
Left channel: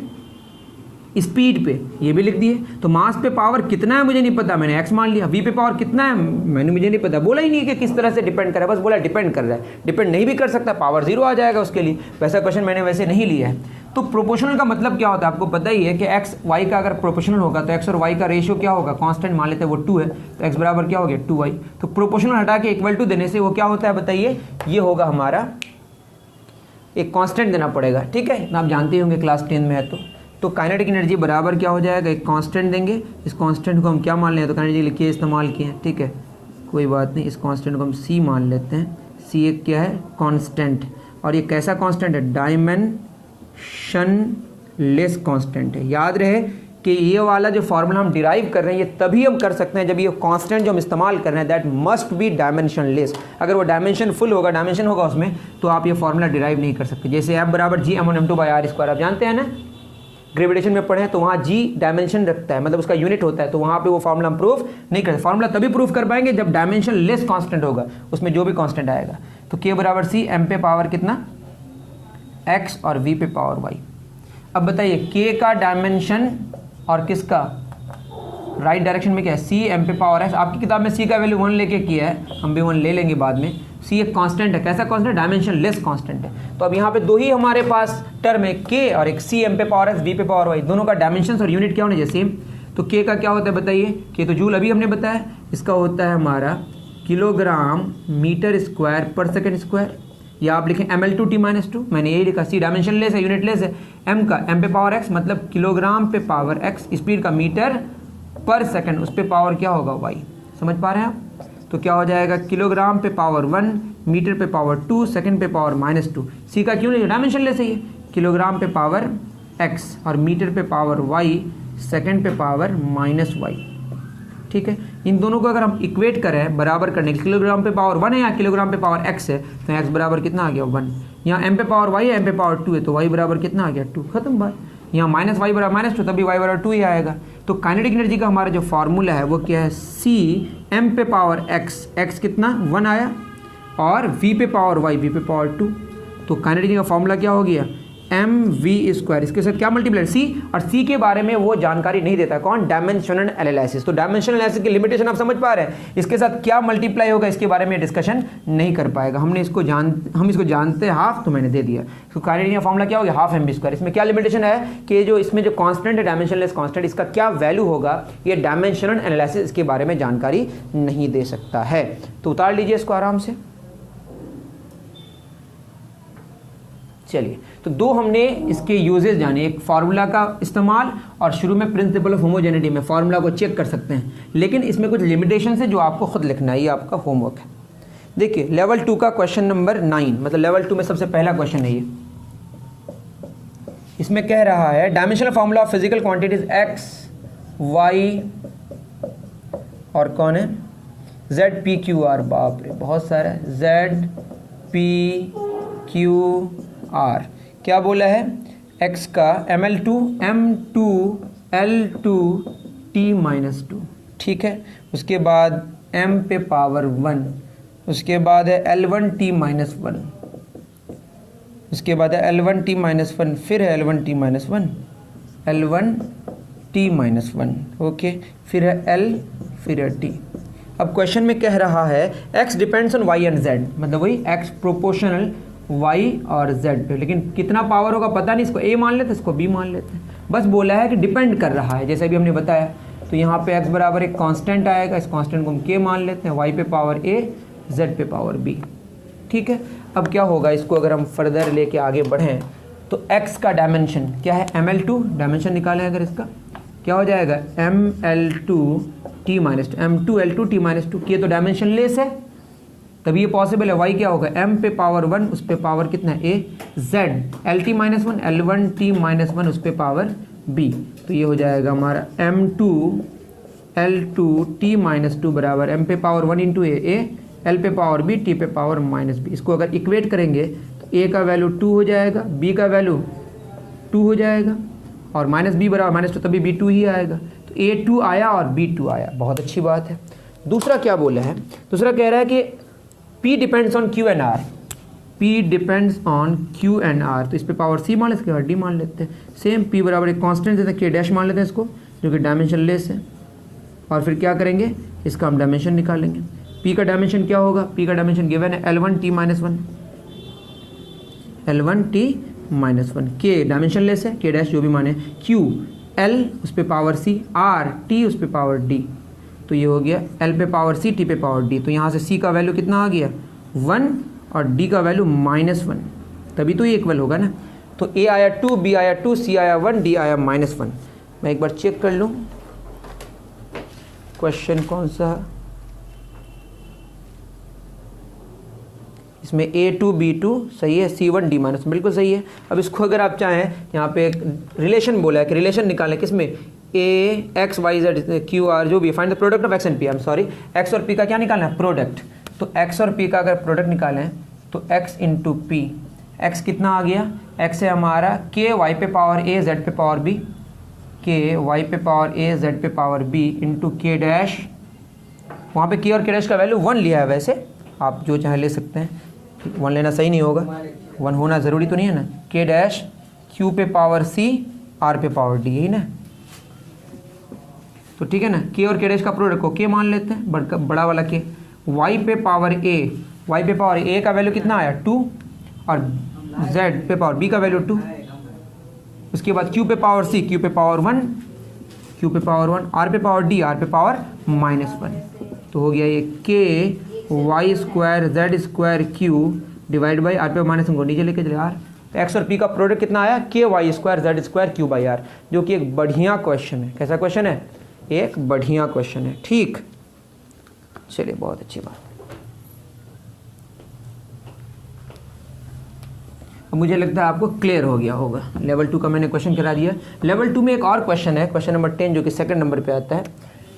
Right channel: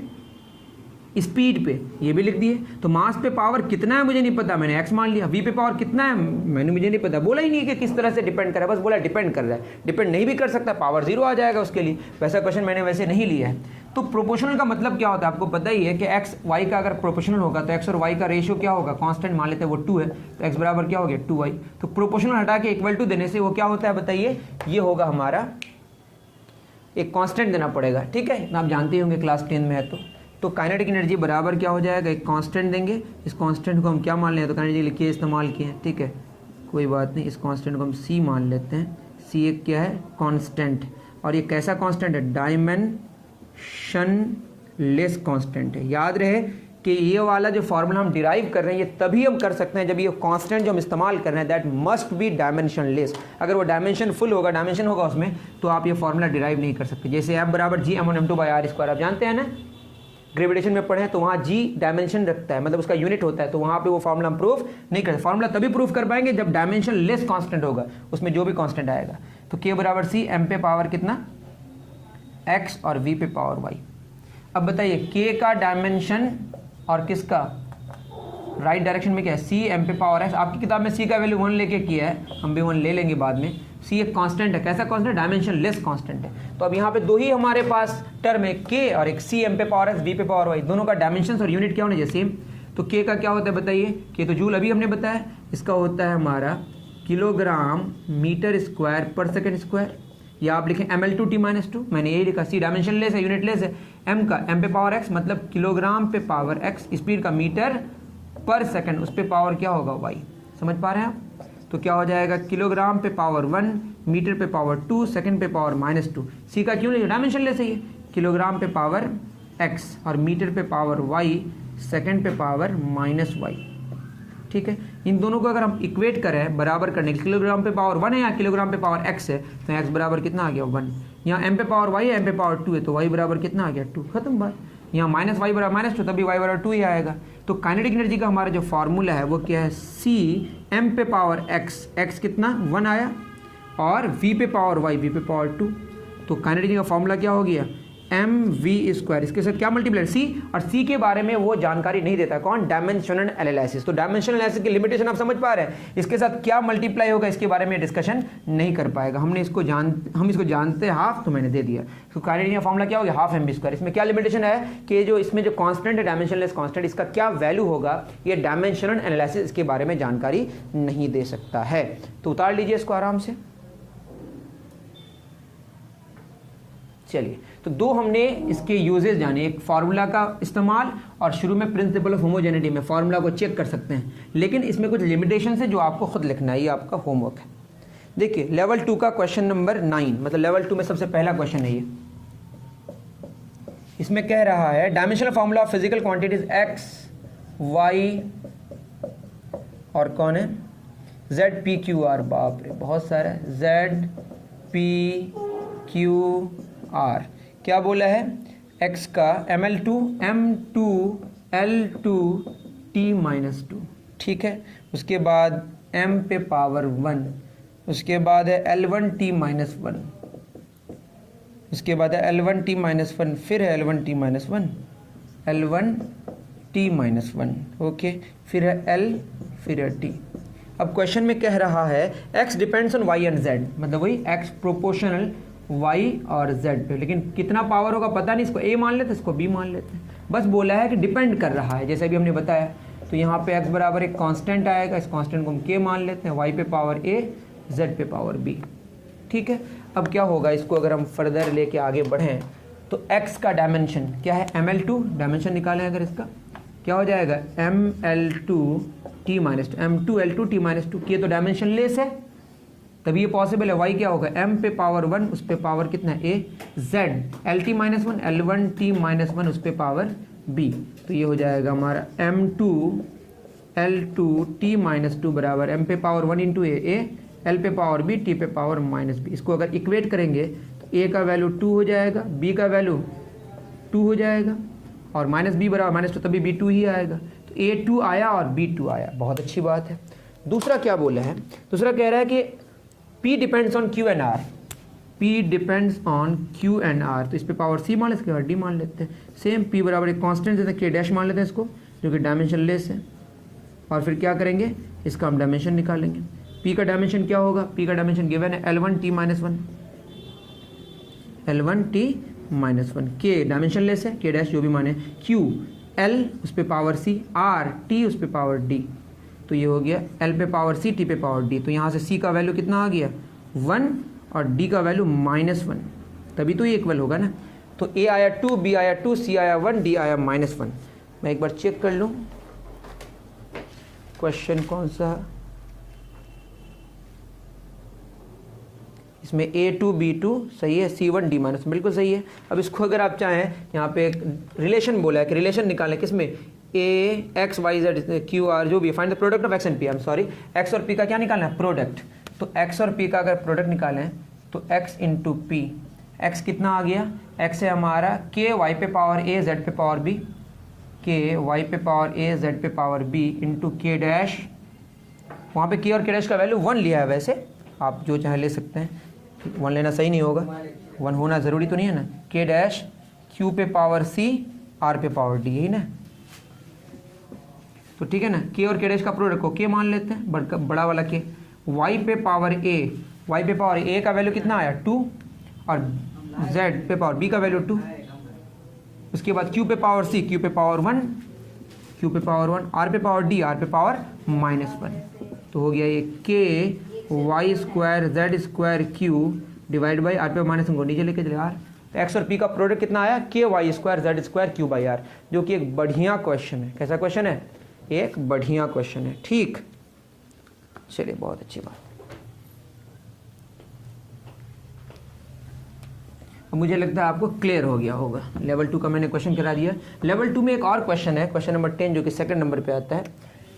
स्पीड पे, ये भी लिख दिए। तो मास पे पावर कितना है मुझे नहीं पता, मैंने x मान लिया। v पे पावर कितना है मैंने, मुझे नहीं पता, बोला ही नहीं कि किस तरह से डिपेंड कर रहा है, बस बोला डिपेंड कर रहा है। डिपेंड नहीं भी कर सकता, पावर 0 आ जाएगा उसके लिए। वैसा क्वेश्चन मैंने वैसे नहीं लिया है। तो प्रोपोर्शनल का मतलब क्या होता है आपको पता ही है कि एक्स वाई का अगर प्रोपोर्शनल होगा तो एक्स और वाई का रेशियो क्या होगा, कांस्टेंट मान लेते हैं वो 2 है, तो एक्स बराबर क्या हो गया 2y। तो प्रोपोर्शनल हटा के इक्वल टू देने से वो क्या होता है बताइए, ये होगा हमारा एक कांस्टेंट देना पड़ेगा, ठीक है, आप जानते होंगे क्लास 10 में है। तो काइनेटिक एनर्जी बराबर क्या हो जाएगा, एक कांस्टेंट देंगे, इस कांस्टेंट को हम क्या मान लें, तो काइनेटिक लिखिए इस्तेमाल किए हैं, ठीक है, कोई बात नहीं, इस कांस्टेंट को हम c मान लेते हैं। c एक क्या है, कांस्टेंट, और ये कैसा कांस्टेंट है, डायमेंशनलेस कांस्टेंट है। याद रहे कि ये वाला जो फॉर्मूला हम डिराइव कर रहे हैं ये तभी हम कर सकते हैं जब ये कांस्टेंट जो हम इस्तेमाल कर रहे हैं दैट मस्ट बी डायमेंशनलेस। अगर वो डायमेंशन फुल होगा, डायमेंशन होगा उसमें, तो आप ये फॉर्मूला डिराइव नहीं कर सकते। जैसे F बराबर G/m1m2/r², आप जानते हैं ना, ग्रेविटेशन में पढ़े हैं, तो वहाँ G डायमेंशन रखता है, मतलब उसका यूनिट होता है, तो वहाँ पे वो फॉर्मूला हम प्रूफ नहीं कर सकते। फॉर्मूला तभी प्रूफ कर पाएंगे जब डायमेंशन लेस कांस्टेंट होगा, उसमें जो भी कांस्टेंट आएगा। तो K बराबर C, m पे पावर कितना x और v पे पावर y। अब बताइए K का डायमेंशन और किसका राइट डायरेक्शन में क्या है, C m पे पावर x। आपकी किताब में C का वैल्यू 1 लेके किया है, हम भी 1 ले लेंगे बाद में। C एक कांस्टेंट है, कैसा कांस्टेंट, डायमेंशन लेस कांस्टेंट है। तो अब यहाँ पे दो ही हमारे पास टर्म है, K और एक C m पे पावर x v पे पावर y, दोनों का डायमेंशन और यूनिट क्या होने चाहिए, सेम। तो K का क्या होता है बताइए, K तो जूल अभी हमने बताया, इसका होता है हमारा किलोग्राम मीटर स्क्वायर पर सेकेंड स्क्वायर, या आप लिखें ml/t-2, मैंने यही लिखा। C डायमेंशन लेस है, यूनिट लेस है, m का m पे पावर x मतलब किलोग्राम पे पावर x, स्पीड का मीटर पर सेकंड, उस पे पावर क्या होगा y। समझ पा रहे हैं आप, तो क्या हो जाएगा किलोग्राम पे पावर 1, मीटर पे पावर 2, सेकंड पे पावर -2। C का क्यों नहीं, डायमेंशन लेस है ये, किलोग्राम पे पावर x और मीटर पे पावर y, सेकंड पे पावर -y, ठीक है। इन दोनों को अगर हम इक्वेट करें बराबर करने के, किलोग्राम पे पावर 1 है या किलोग्राम पे पावर x है, तो x बराबर कितना आ गया 1। यहाँ m पे पावर y है, m पे पावर 2 है, तो y बराबर कितना आ गया 2, खत्म बात। यहाँ -y बराबर -2, तभी y बराबर 2 ही आएगा। तो काइनेटिक एनर्जी का हमारा जो फॉर्मूला है वो क्या है, c m पे पावर x कितना 1 आया, और v पे पावर y, v पे पावर 2। तो काइनेटिक का फॉर्मूला क्या हो गया, mv², इसके साथ क्या मल्टीप्लाई c, और c के बारे में वो जानकारी नहीं देता, कौन, डायमेंशनल एनालिसिस। तो डायमेंशनल एनालिसिस की लिमिटेशन आप समझ पा रहे हैं, इसके साथ क्या मल्टीप्लाई होगा इसके बारे में डिस्कशन नहीं कर पाएगा। हम इसको जानते हैं हाफ, तो मैंने दे दिया। तो काइनेटिक का फॉर्मूला क्या हो गया, हाफ mv²। इसमें क्या लिमिटेशन है कि जो इसमें जो कांस्टेंट है डायमेंशनलेस कांस्टेंट, इसका क्या वैल्यू होगा, ये डायमेंशनल एनालिसिस इसके बारे में जानकारी नहीं दे सकता है। तो उतार लीजिए इसको आराम से। चलिए, तो दो हमने इसके यूजेस जाने, एक फार्मूला का इस्तेमाल और शुरू में प्रिंसिपल ऑफ होमोजेनिटी में फार्मूला को चेक कर सकते हैं, लेकिन इसमें कुछ लिमिटेशन है जो आपको खुद लिखना है, ये आपका होमवर्क है। देखिए लेवल 2 का क्वेश्चन नंबर 9, मतलब लेवल 2 में सबसे पहला क्वेश्चन है ये। इसमें कह रहा है dimensional formula of physical quantities x, y और कौन है z, p, q, r। बाप रे बहुत सारा है, z, p, q, r। क्या बोला है, x का ml2 m2 l2 t-2, ठीक है। उसके बाद m पे पावर 1, उसके बाद है l1 t-1, उसके बाद है l1 t-1, फिर है l1 t-1, l1 t-1, okay, फिर है l, फिर है t। अब क्वेश्चन में कह रहा है x depends on y and z, मतलब वही x प्रोपोर्शनल y और z पे, लेकिन कितना पावर होगा पता नहीं, इसको a मान लेते, इसको b मान लेते हैं। बस बोला है कि डिपेंड कर रहा है, जैसे भी हमने बताया। तो यहाँ पे x बराबर एक कांस्टेंट आएगा, इस कांस्टेंट को हम k मान लेते हैं, y पे पावर a, z पे पावर b, ठीक है। अब क्या होगा, इसको अगर हम फर्दर लेके आगे बढ़ें तो x का डायमेंशन क्या है, ml2, डायमेंशन निकालें अगर इसका क्या हो जाएगा, ml2 t-2, m2l2 t-2, k तो डायमेंशन लेस है तभी ये पॉसिबल है। y क्या होगा, m पे पावर 1, उस पे पावर कितना है a, z lt-1, l1 t-1, उस पे पावर b। तो ये हो जाएगा हमारा m2 l2 t-2 बराबर m पे पावर 1 इंटू a, l पे पावर b, t पे पावर -b। इसको अगर इक्वेट करेंगे तो a का वैल्यू 2 हो जाएगा, b का वैल्यू 2 हो जाएगा, और -b बराबर -2, तभी b 2 ही आएगा। तो a 2 आया और b 2 आया, बहुत अच्छी बात है। दूसरा क्या बोला है, दूसरा कह रहा है कि P depends on Q and R, P depends on Q and R। तो इस पे पावर C मान लेते, इसके बाद D मान लेते हैं। सेम P बराबर एक कांस्टेंट देते हैं, K डैश मान लेते हैं इसको, जो कि डायमेंशन लेस है, और फिर क्या करेंगे, इसका हम डायमेंशन निकालेंगे। P का डायमेंशन क्या होगा, P का डायमेंशन गिवन है l1 t-1, l1 t -1, के डायमेंशनलेस है, के डैश जो भी माने, क्यू एल उस पे पावर सी, आर टी उस पे पावर डी, तो ये हो गया एल पे पावर सी, टी पे पावर डी। तो यहाँ से सी का वैल्यू कितना आ गया 1 और डी का वैल्यू -1, तभी तो ये इक्वल होगा ना। तो ए आया 2, बी आया 2, सी आया 1, डी आया -1। मैं एक बार चेक कर लूँ क्वेश्चन कौन सा, इसमें A2 B2 सही है, C1 D- बिल्कुल सही है। अब इसको अगर आप चाहें, यहाँ पे एक रिलेशन बोला है कि रिलेशन निकालें किसमें, A X Y Z Q R जो भी, find the product of X and P, I am sorry, X और P का क्या निकालना है, प्रोडक्ट। तो X और P का अगर प्रोडक्ट निकालें तो X इंटू P, X कितना आ गया, X है हमारा K Y पे पावर A Z पे पावर B, K Y पे पावर A Z पे power B into K dash, वहाँ पे K और K डैश का वैल्यू 1 लिया है, वैसे आप जो चाहे ले सकते हैं, 1 लेना सही नहीं होगा, 1 होना ज़रूरी तो नहीं है ना। K डैश Q पे पावर C, R पे पावर D, यही ना, तो ठीक है ना। K और K डैश का प्रोडक्ट को K मान लेते हैं, बड़ा वाला K। Y पे पावर A, Y पे पावर A का वैल्यू कितना आया 2, और Z पे पावर B का वैल्यू 2। उसके बाद Q पे पावर C, Q पे पावर 1, Q पे पावर 1, R पे पावर D, R पे पावर -1। तो हो गया ये K Y square Z square Q divide by R पे -1 को नीचे लेके चले आर। एक्स और पी का प्रोडक्ट कितना आया, K Y square Z square Q by R, जो कि एक बढ़िया क्वेश्चन है। कैसा क्वेश्चन है, एक बढ़िया क्वेश्चन है, ठीक। चलिए, बहुत अच्छी बात। अब मुझे लगता है आपको क्लियर हो गया होगा। लेवल 2 का मैंने क्वेश्चन करा दिया। लेवल 2 में एक और क्वेश्चन है, क्वेश्चन नंबर 10, जो कि सेकंड नंबर पे आता है।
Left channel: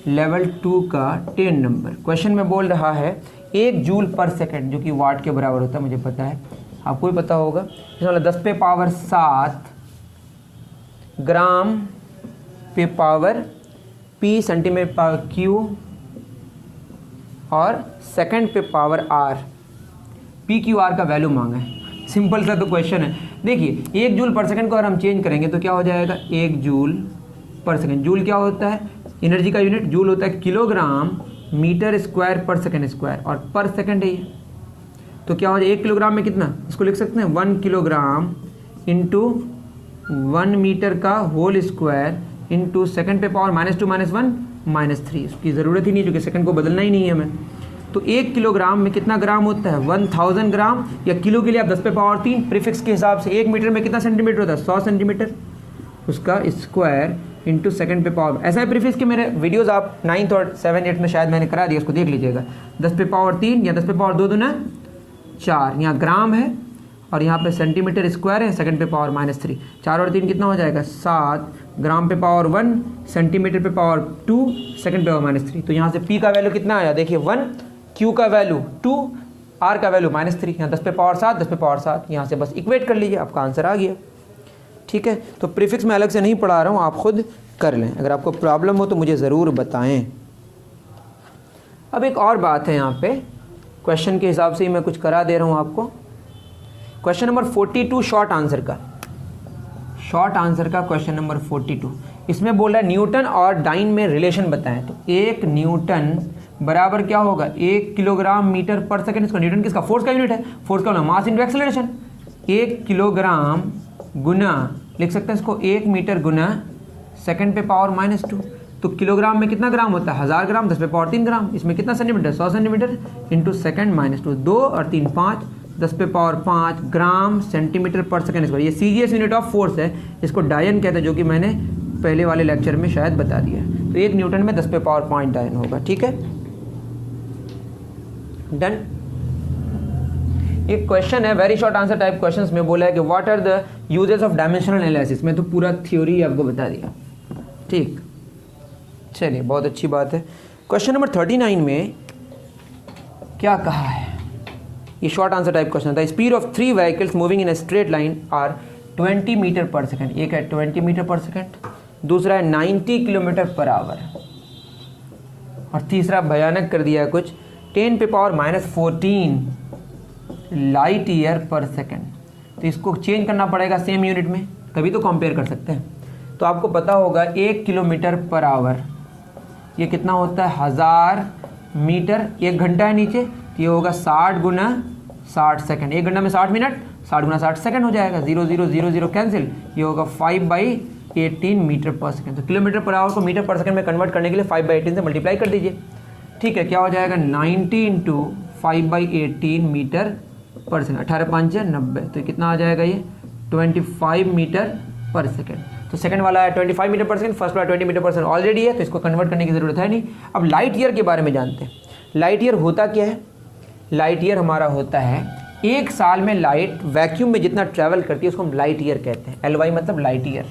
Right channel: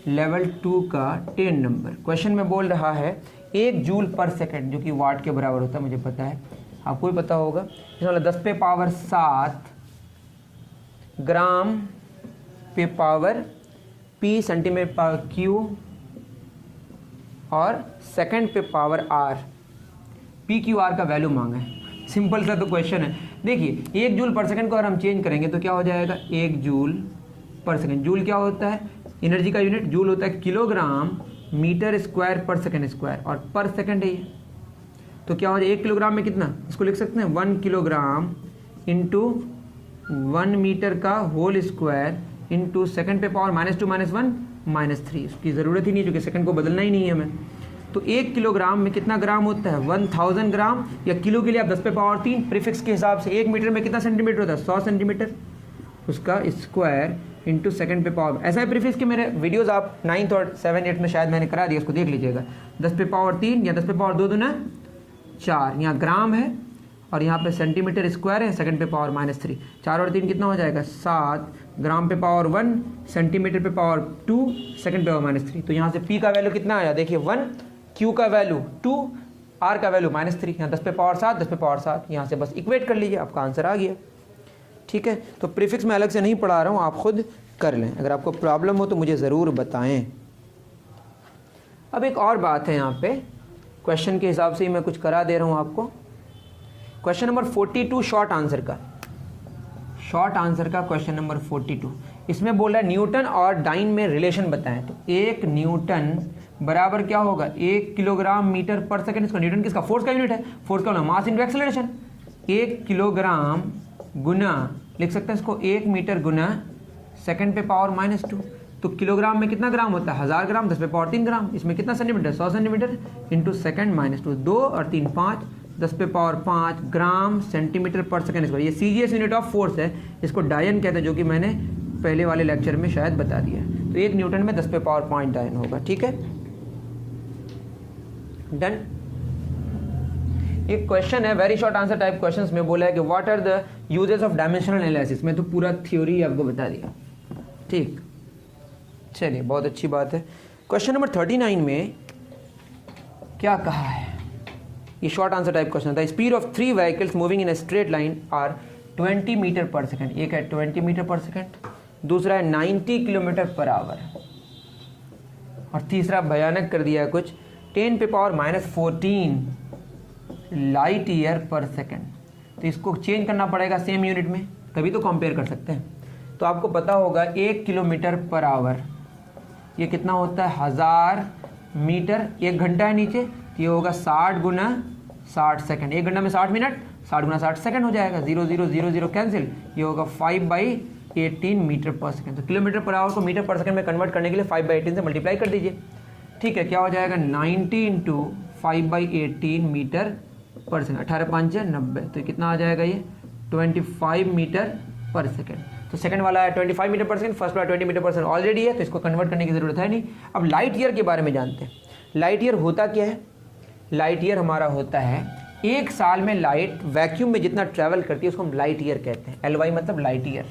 लेवल 2 का 10 नंबर क्वेश्चन में बोल रहा है 1 जूल पर सेकंड, जो कि वाट के बराबर होता है, मुझे पता है, आपको भी पता होगा। इसमें 10 पे पावर 7 ग्राम पे power P, centimetre power Q, और सेकंड पे power R, P Q R का वैल्यू मांगा है। सिंपल सा तो क्वेश्चन है। देखिए, 1 जूल पर सेकंड को अगर हम चेंज करेंगे तो क्या हो जाएगा, 1 जूल पर सेकंड। जूल क्या होता है, एनर्जी का यूनिट। जूल होता है किलोग्राम मीटर स्क्वायर पर सेकंड स्क्वायर, और पर सेकंड है ये। तो क्या हो जाए, 1 किलोग्राम में कितना, इसको लिख सकते हैं 1 किलोग्राम इंटू 1 मीटर का होल स्क्वायर इंटू सेकंड पे पावर -2 -1 -3। इसकी ज़रूरत ही नहीं, क्योंकि सेकंड को बदलना ही नहीं है हमें। तो 1 किलोग्राम में कितना ग्राम होता है, 1000 ग्राम, या किलो के लिए आप 10 पे पावर 3 प्रीफिक्स के हिसाब से। 1 मीटर में कितना सेंटीमीटर होता है, 100 सेंटीमीटर, उसका स्क्वायर इंटू सेकंड पे पावर। ऐसा है प्रीफिक्स के मेरे वीडियोस आप 9th और 7th 8th में शायद मैंने करा दिया, उसको देख लीजिएगा। 10 पे पावर 3 या 10 पे पावर 2 दूना 4, यहाँ ग्राम है और यहाँ पे सेंटीमीटर स्क्वायर है, सेकंड पे पावर -3। 4 और 3 कितना हो जाएगा, 7 ग्राम पे पावर 1, सेंटीमीटर पे पावर 2, सेकंड पे पावर -3। तो यहाँ से P का वैल्यू कितना आया, देखिए 1, Q का वैल्यू 2, R का वैल्यू -3। यहाँ 10 पे पावर 7, 10 पे पावर 7, यहाँ से बस इक्वेट कर लीजिए, आपका आंसर आ गया। ठीक है, तो प्रीफिक्स मैं अलग से नहीं पढ़ा रहा हूँ, आप खुद कर लें। अगर आपको प्रॉब्लम हो तो मुझे ज़रूर बताएं। अब एक और बात है, यहाँ पे क्वेश्चन के हिसाब से ही मैं कुछ करा दे रहा हूँ आपको। क्वेश्चन नंबर 42 शॉर्ट आंसर का क्वेश्चन नंबर 42, इसमें बोल रहा है न्यूटन और डाइन में रिलेशन बताएं। तो 1 न्यूटन बराबर क्या होगा, 1 किलोग्राम मीटर पर सेकंड। इसका न्यूटन किसका, फोर्स का यूनिट है, फोर्स का मास इंटू एक्सेलरेशन। 1 किलोग्राम गुना, लिख सकते हैं इसको 1 मीटर गुना सेकंड पे पावर -2। तो किलोग्राम में कितना ग्राम होता है, 1000 ग्राम, 10 पे पावर 3 ग्राम। इसमें कितना सेंटीमीटर, 100 सेंटीमीटर इंटू सेकंड -2, 2 और 3 5, 10 पे पावर 5 ग्राम सेंटीमीटर पर सेकंड स्क्वायर। ये सीजीएस यूनिट ऑफ फोर्स है, इसको डायन कहते हैं, जो कि मैंने पहले वाले लेक्चर में शायद बता दिया है। तो 1 न्यूटन में 10 पे पावर 5 डायन होगा। ठीक है, डन। एक क्वेश्चन है, very short answer type questions में बोला है कि what are the uses of dimensional analysis. में तो पूरा थ्योरी आपको बता दिया। ठीक, चलिए, बहुत अच्छी बात है। क्वेश्चन नंबर 39 में क्या कहा है, ये शॉर्ट आंसर टाइप क्वेश्चन था। Speed of 3 vehicles moving in a straight line are 20 metre पर सेकंड। एक है 20 मीटर पर सेकंड, दूसरा है 90 किलोमीटर पर आवर, और तीसरा भयानक कर दिया है कुछ, 10 पे पावर -14 लाइट ईयर पर सेकंड। तो इसको चेंज करना पड़ेगा सेम यूनिट में, तभी तो कंपेयर कर सकते हैं। तो आपको पता होगा 1 किलोमीटर पर आवर ये कितना होता है, 1000 मीटर। 1 घंटा है नीचे, ये होगा 60 गुना 60 सेकंड। 1 घंटा में 60 मिनट, 60 गुना 60 सेकंड हो जाएगा, 0 0 0 0 कैंसिल, ये होगा 5/18 मीटर पर सेकंड। तो किलोमीटर पर आवर को मीटर पर सेकंड में कन्वर्ट करने के लिए 5/18 से मल्टीप्लाई कर दीजिए। ठीक है, क्या हो जाएगा 90 × 5/18 मीटर पर सेकंड, 18 5 90, तो कितना आ जाएगा ये 25 मीटर पर सेकंड। तो सेकंड वाला है 25 मीटर पर सेकंड, फर्स्ट वाला 20 मीटर पर सेकंड ऑलरेडी है, तो इसको कन्वर्ट करने की जरूरत है नहीं। अब लाइट ईयर के बारे में जानते हैं। लाइट ईयर होता क्या है? लाइट ईयर हमारा होता है एक साल में लाइट वैक्यूम में जितना ट्रैवल करती है उसको हम लाइट ईयर कहते हैं। LY मतलब लाइट ईयर,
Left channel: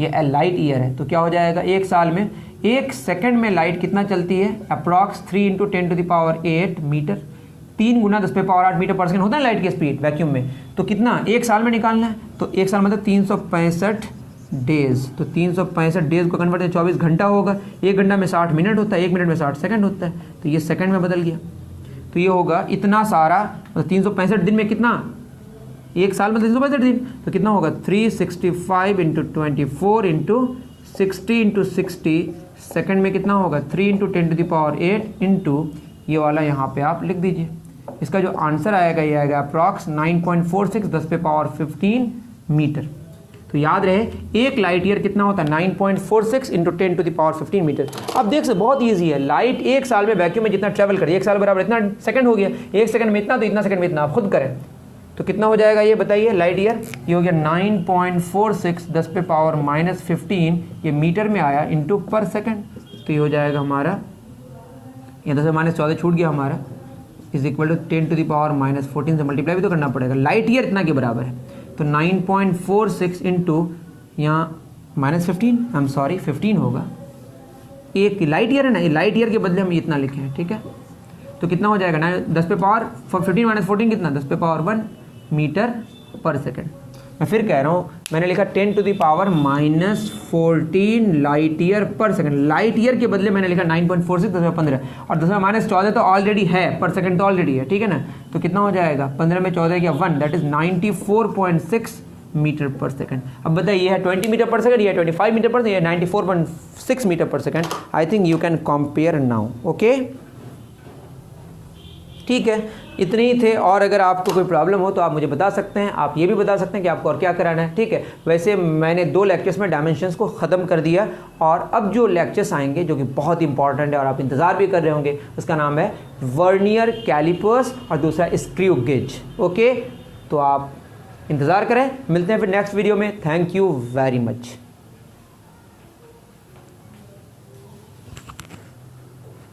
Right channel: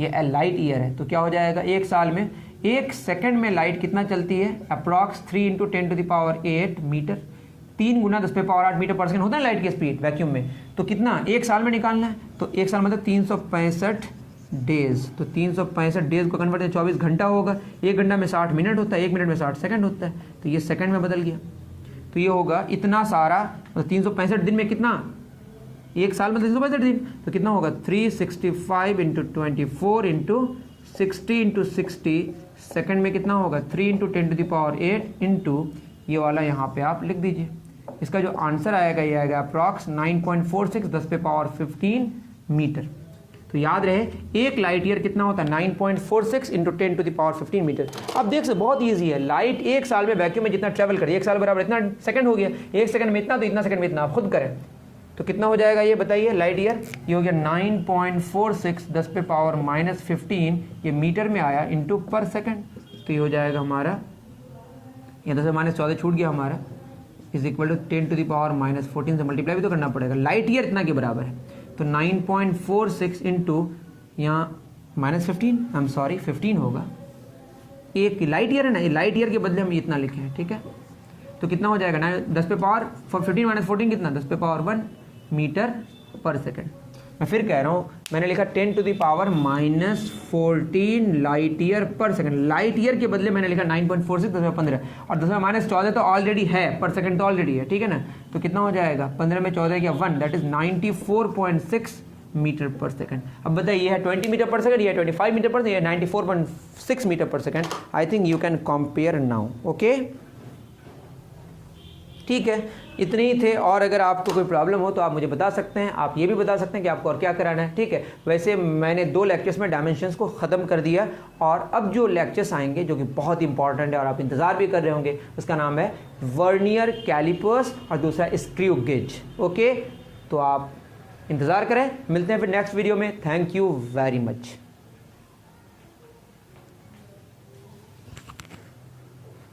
ये लाइट ईयर है। तो क्या हो जाएगा, एक साल में 1 सेकंड में लाइट कितना चलती है? अप्रॉक्स 3 × 10⁸ मीटर, 3 गुना 10⁸ मीटर पर सेकंड होता है लाइट की स्पीड वैक्यूम में। तो कितना एक साल में निकालना है? तो एक साल मतलब 365 डेज। तो 365 डेज को कन्वर्ट 24 घंटा होगा, 1 घंटा में 60 मिनट होता है, 1 मिनट में 60 सेकंड होता है, तो ये सेकंड में बदल गया। तो ये होगा इतना सारा, 365 दिन में कितना, एक साल में 365 दिन, तो कितना होगा 365 × 24 × 60 × 60, सेकंड में कितना होगा 3 × 10⁸ इंटू ये वाला यहाँ पे आप लिख दीजिए। इसका जो आंसर आएगा ये आएगा अप्रॉक्स 9.46 10⁻15 मीटर। तो याद रहे एक लाइट ईयर कितना होता है 9.46 × 10⁻15 मीटर। अब देख सकते बहुत ईजी है, लाइट एक साल में वैक्यूम में जितना ट्रैवल करिए, एक साल बराबर इतना सेकंड हो गया, एक सेकंड में इतना, तो इतना सेकंड में इतना, आप खुद करें तो कितना हो जाएगा ये बताइए। लाइट ईयर ये हो गया 9.46 10⁻15, ये मीटर में आया इंटू पर सेकंड, तो ये हो जाएगा हमारा, ये 10⁻14 छूट गया हमारा, इज इक्वल टू 10⁻14 से मल्टीप्लाई भी तो करना पड़ेगा। लाइट ईयर इतना के बराबर है, तो 9.46 इंटू यहाँ -15 होगा, एक लाइट ईयर है ना, ये लाइट ईयर के बदले हम इतना लिखे हैं। ठीक है, तो कितना हो जाएगा 10⁻15 - 14 कितना 10⁻1 मीटर पर सेकंड। मैं फिर कह रहा हूँ, मैंने लिखा 10⁻⁻14 लाइट ईयर पर सेकंड, लाइट ईयर के बदले मैंने लिखा 9.46 10⁻15 और 10⁻14 तो ऑलरेडी है, पर सेकंड तो ऑलरेडी है। ठीक है ना, तो कितना हो जाएगा 15 में 14 क्या 1, दैट इज 94.6 मीटर पर सेकंड। अब बताइए ये है 20 मीटर पर सेकंड, ये 25 मीटर पर सेकंड, ये 94.6 मीटर पर second. I think you can compare now. Okay, ठीक है, इतने ही थे। और अगर आपको कोई प्रॉब्लम हो तो आप मुझे बता सकते हैं, आप ये भी बता सकते हैं कि आपको और क्या कराना है। ठीक है, वैसे मैंने 2 लेक्चर्स में डायमेंशंस को ख़त्म कर दिया और अब जो लेक्चर्स आएंगे जो कि बहुत इंपॉर्टेंट है और आप इंतज़ार भी कर रहे होंगे, उसका नाम है वर्नियर कैलिपर्स और दूसरा स्क्रू गेज। ओके, तो आप इंतज़ार करें, मिलते हैं फिर नेक्स्ट वीडियो में। Thank you very much.